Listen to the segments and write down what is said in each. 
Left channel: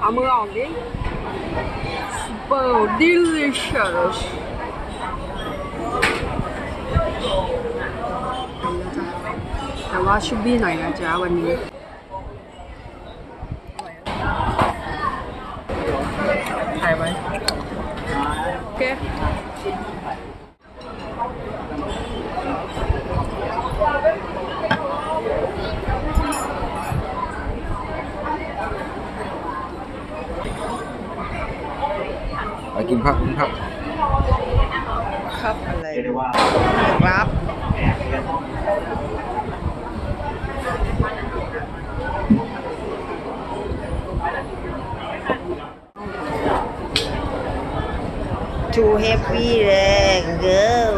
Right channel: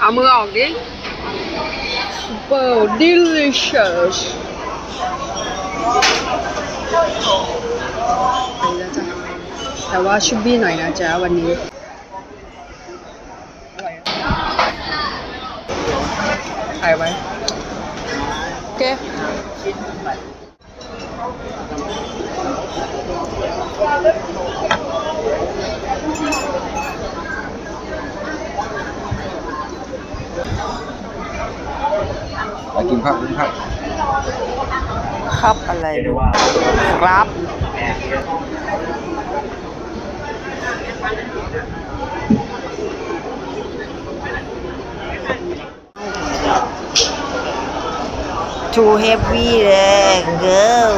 เอามือออกดิ super delicious ไปแล้วจ้ะแต่ว่าชุบบี้หน่อยนะจ๊ะวันนี้อะถ่ายไว้โอเค ไปกินข้าวกินข้าวครับอะไรดูครับ too heavy เลย girl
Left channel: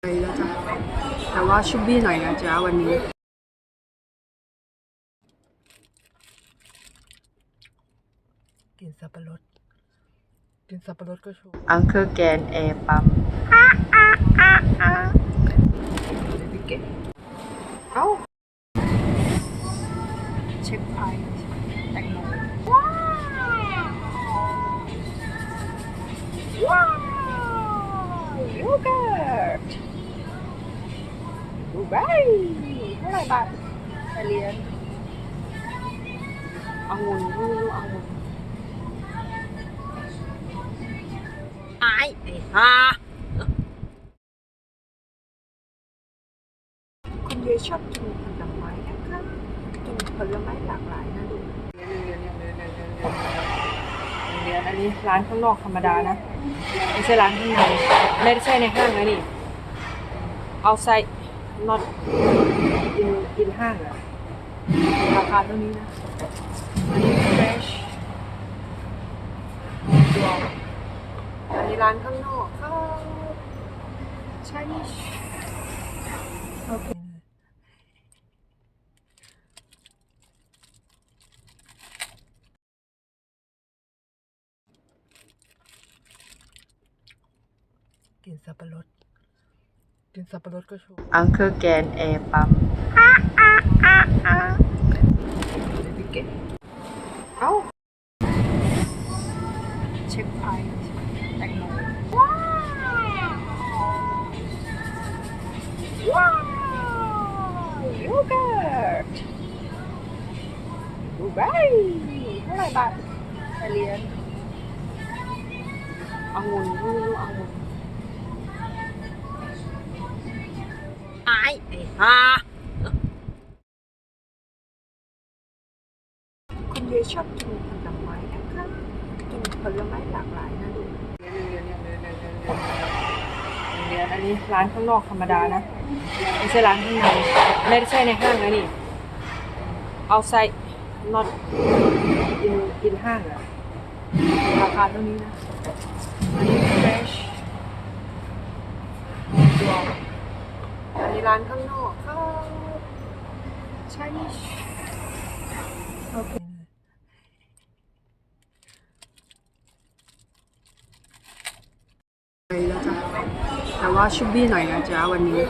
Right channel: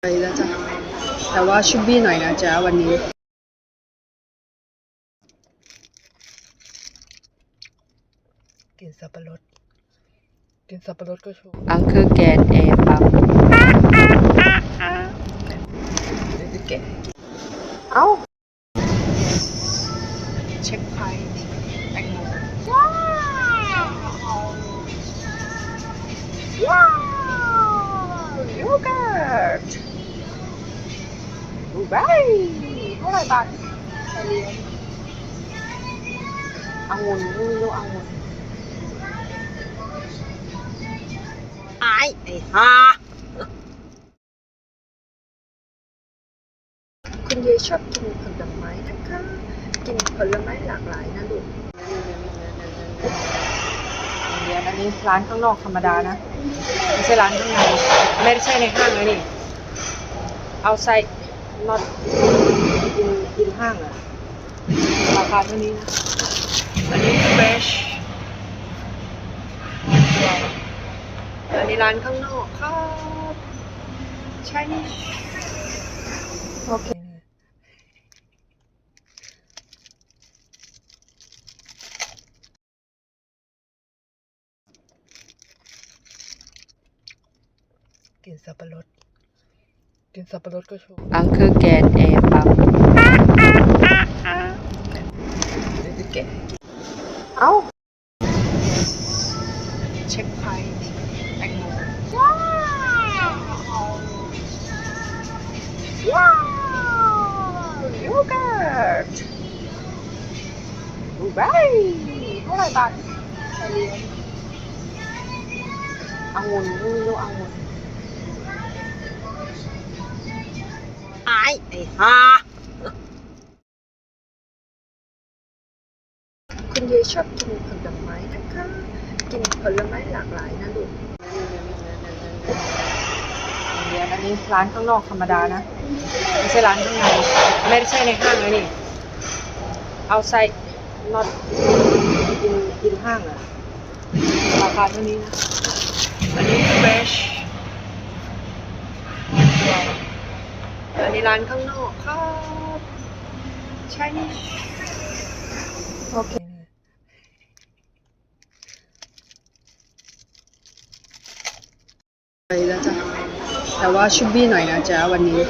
ไปแล้วจ้ะ แต่ว่าชุบบี้หน่อยนะจ๊ะวันนี้กินสับปะรดกินสับปะรดก็ชอบอังคือแกนแอร์ปั๊มนี่คือเก็บเอ้า ดูใบเท่าไหร่บาทไทยเรียนองุ่นไม่รู้องุ่นไอ้ไอ้ฮาคุณยายชอบกินผลไม้นะคะ กินผลไม้หลากหลายนะลูกเรียนอันนี้ร้านข้างนอกธรรมดานะ ไม่ใช่ร้านข้างในไม่ใช่ในห้างนะนี่ เอาใส่ ไซ not in in ห้างอะราคาเท่านี้นะ อันนี้ fresh อันนี้ร้านข้างนอกครับ Chinese โอเคกินสับปะรด กินสับปะรดก็ชอบอังคือแกนแอร์ปั๊มนี่คือเก็บเอ้า เช็คไพรส์แตงโมว้าวว้าวโยเกิร์ตดูใบเท่าไหร่บาทไทยเรียนองุ่นไม่รู้องุ่น ไอ้ฮาคุณยายชอบกินผลไม้นะคะ กินผลไม้หลากหลายนะลูกเรียนอันนี้ร้านข้างนอกธรรมดานะ ไม่ใช่ร้านข้างใน ไม่ใช่ในห้างนะนี่ เอาไซ not in in ห้างอะราคาเท่านี้นะ อันนี้ fresh อันนี้ ร้านข้างนอกครับใช่นี่โอเคไปแล้วจ้ะแต่ว่าชุบบี้หน่อยนะจ๊ะวันนี้